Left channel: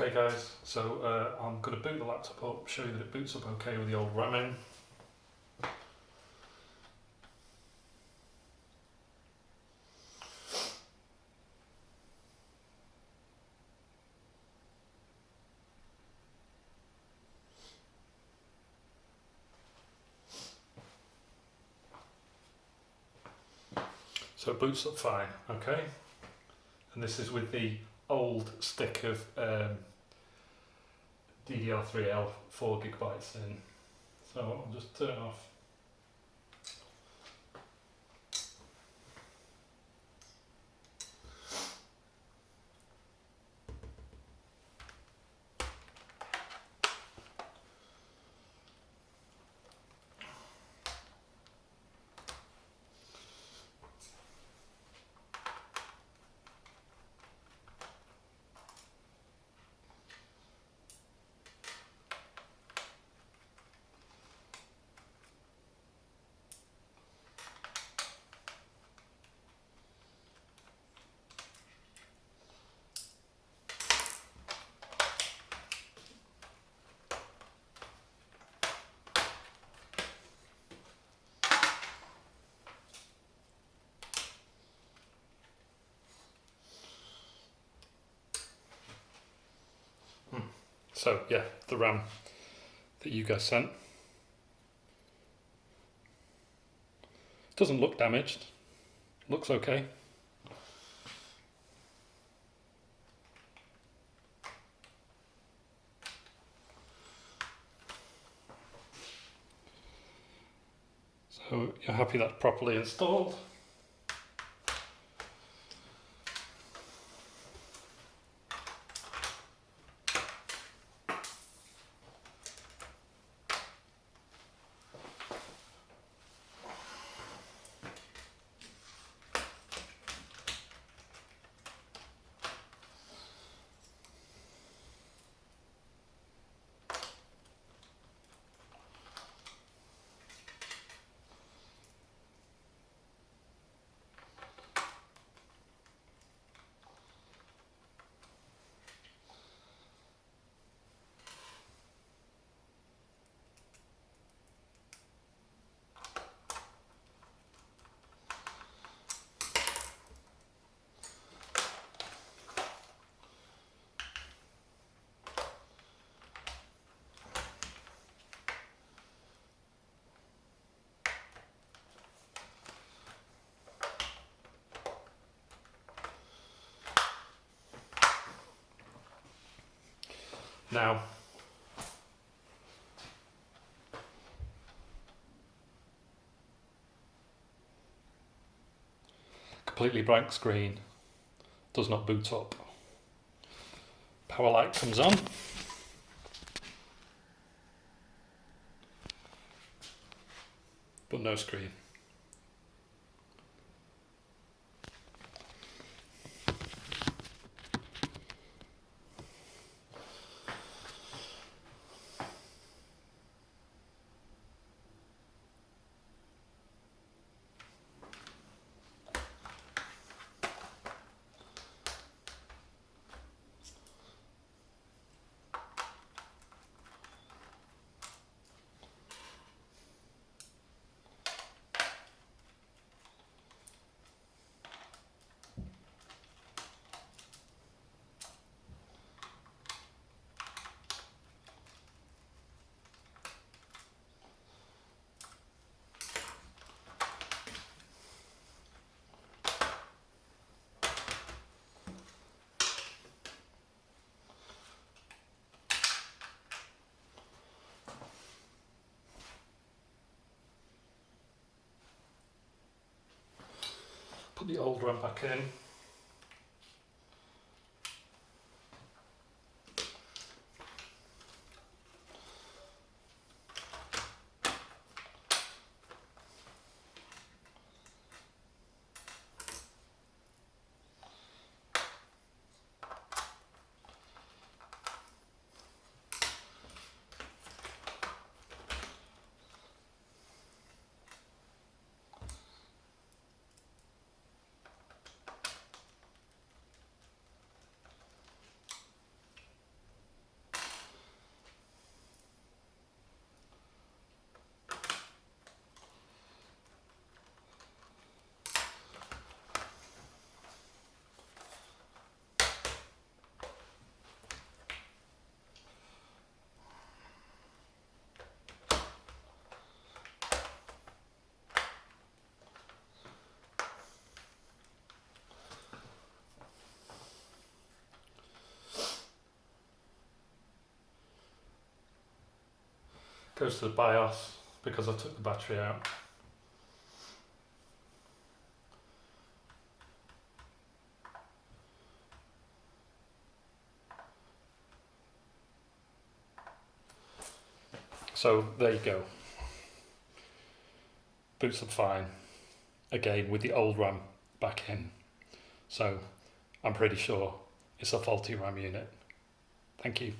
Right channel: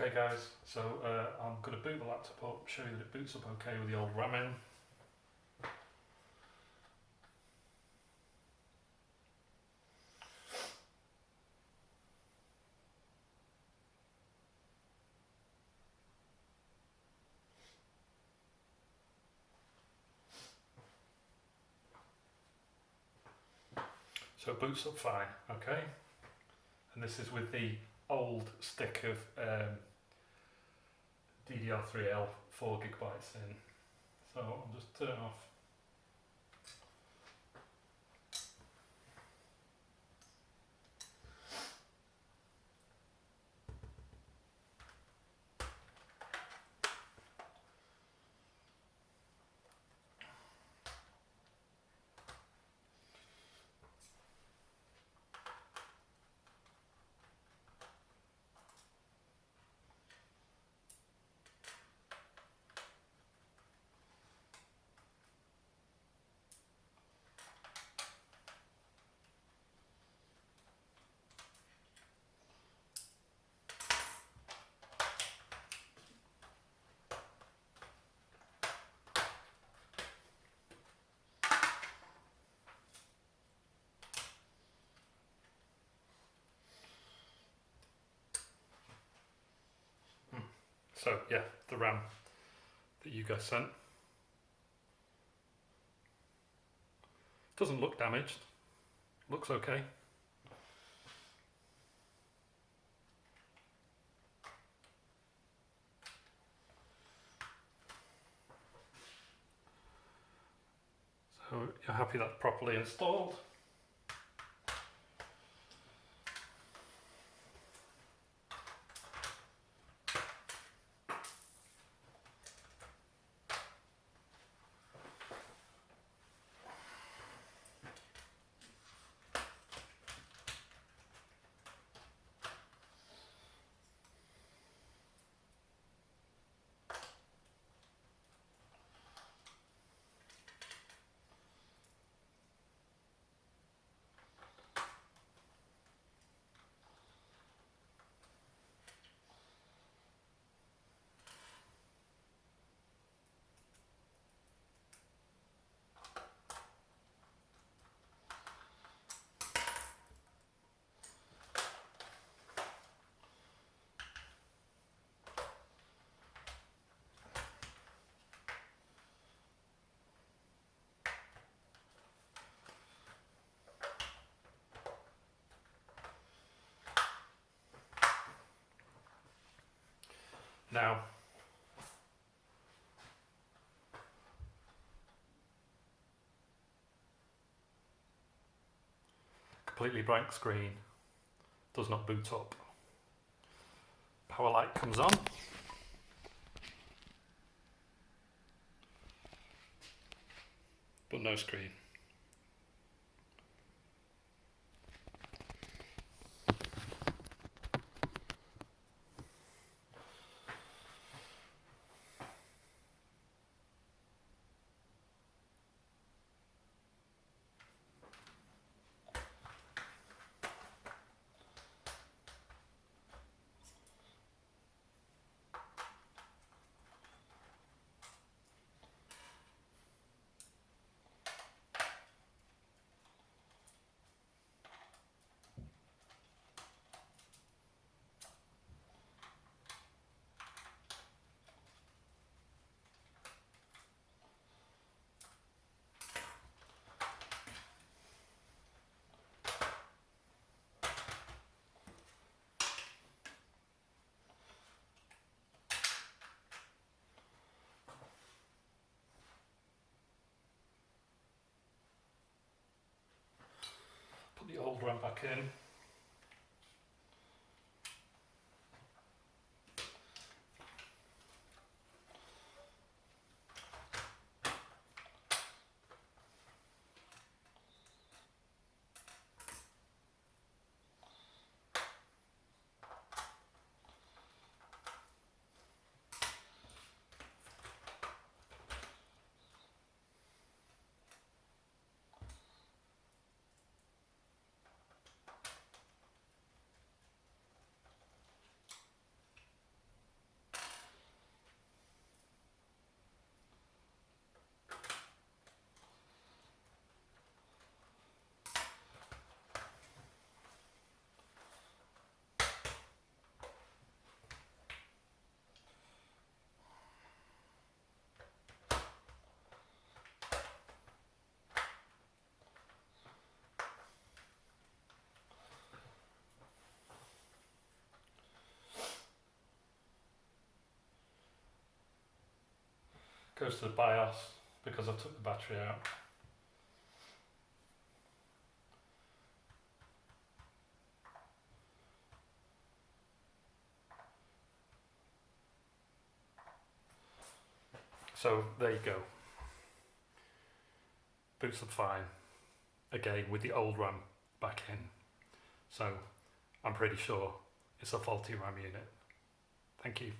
Okay guys, so I'm going to boot the laptop up, show you that it boots up okay with the old RAM in. So it boots up fine, okay? And this is with the old stick of DDR3L 4GB in. So I'll just turn off. So yeah, the RAM that you guys sent. Doesn't look damaged, looks okay. So you're happy that's properly installed. Now, completely blank screen, does not boot up. Power light comes on. But no screen. Put the old RAM back in. Goes to the BIOS because I took the battery out. So there you go. Boots up fine. Again with the old RAM back in. So I'm pretty sure it's a faulty RAM unit. Thank you.